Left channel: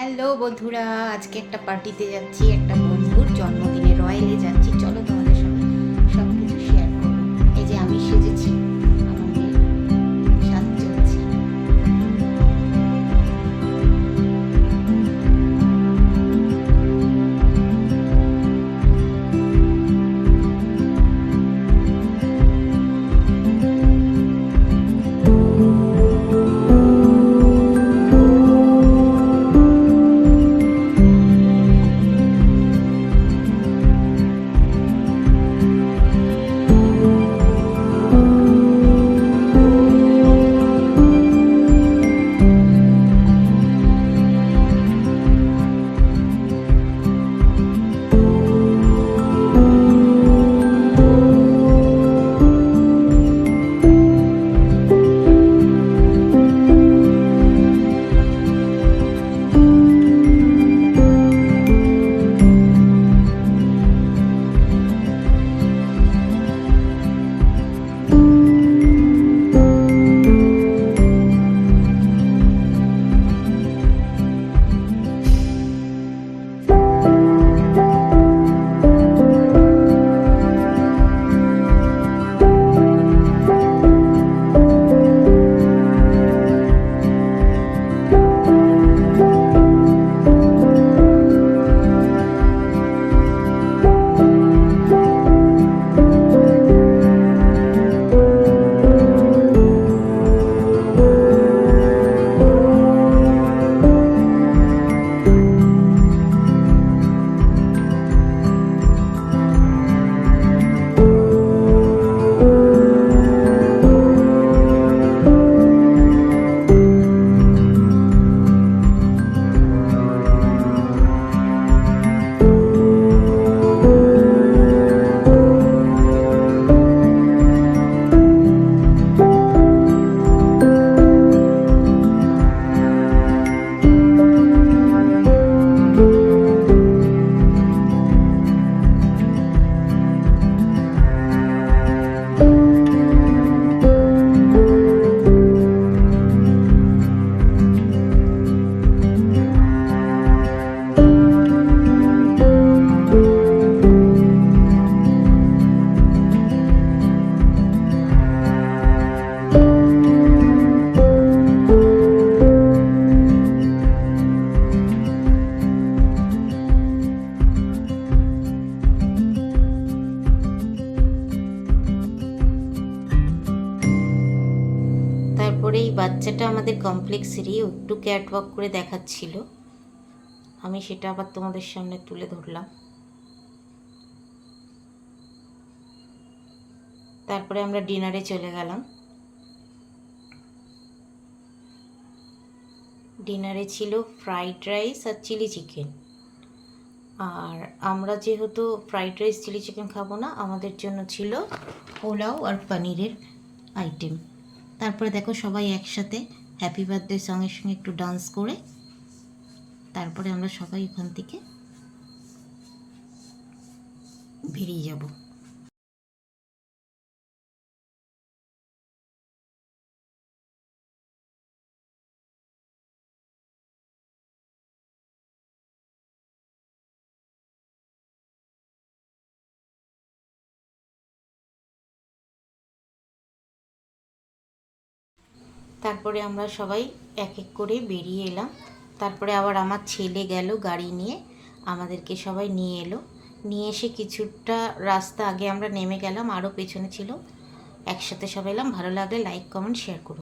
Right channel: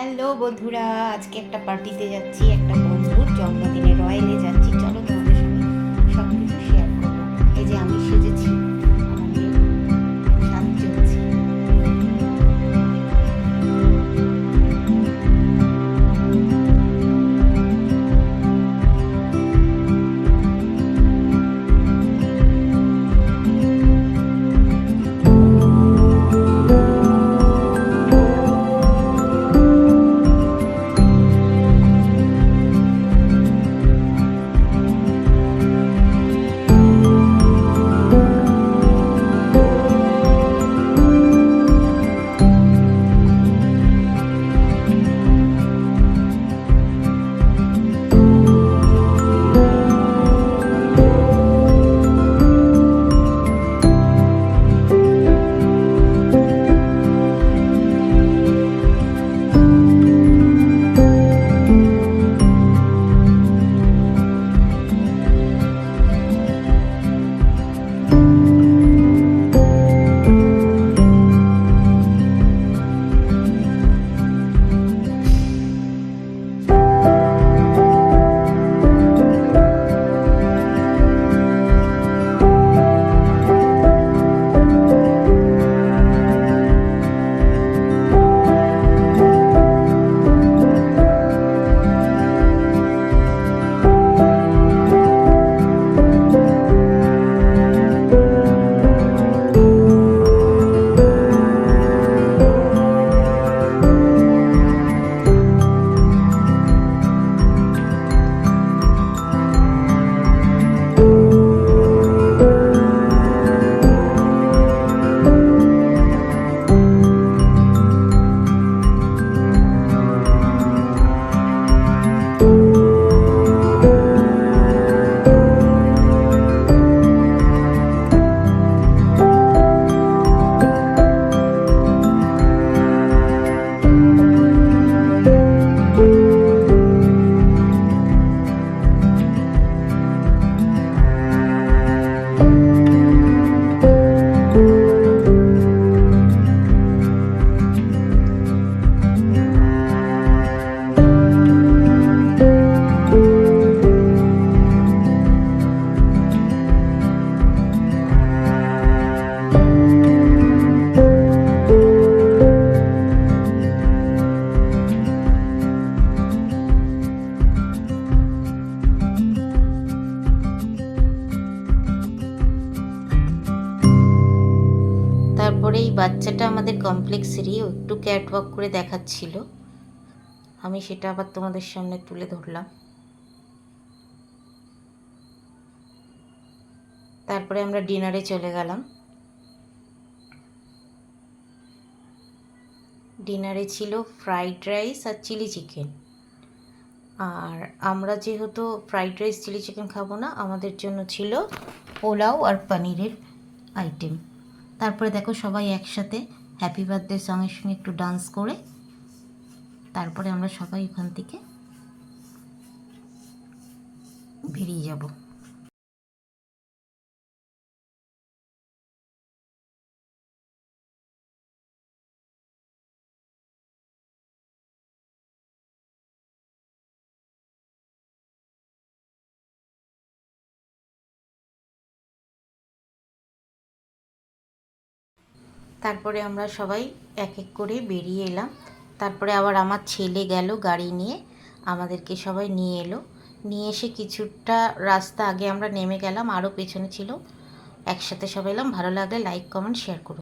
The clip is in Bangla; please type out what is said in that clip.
হ্যালো বন্ধুরা, আজকে একটা পার্টিতে যাচ্ছি, একটা বন্ধুর জন্মদিনে রয়্যালে যাচ্ছি। চলো তোমাদের সঙ্গে সব কিছু শেয়ার করবো। এই যে আমি সেজেছি, আমার মেয়ে সাজছে হচ্ছে। তারপরে এই বাচ্চাটা আমাদের কমপ্লেক্সেরই, ও একটু ক্যাটওয়াক করে দেখাচ্ছিল, আমি সেটা আবার তোমাদের সামনে তুলে ধরলাম। তারপরে আমরা ডিনারে চলে গেলাম। ডিনারে ছিল ফ্রাইড রাইস আর চিলি চিকেন। আর আমরা যেহেতু ফ্রাইড রাইস চিলি চিকেন খাবো না, আমাদের জন্য ছিল পোলাও আর পনিরের আইটেম। তারপরে দেখো সবাই একসাথে হ্যাপি বার্থডে সঙ্গে সঙ্গে একটু ডান্স করে তারপরে আমরা সবাই এখান থেকে বেরিয়ে যাব। তারপরে আমরা সবাই এক এক করে বেরিয়ে এলাম। তারপরে আবার আমার ছেলে গেল গাড়ি নিয়ে, আমাদেরকে সবাই নিয়ে এলো। নিয়ে এসে কিছুটা রাস্তা আগে আমরা নেমে গেলাম, আরও পেছনে ছিল। একসাথে সবাই এলাম। ভালো লাগলে লাইক কমেন্ট শেয়ার করুন।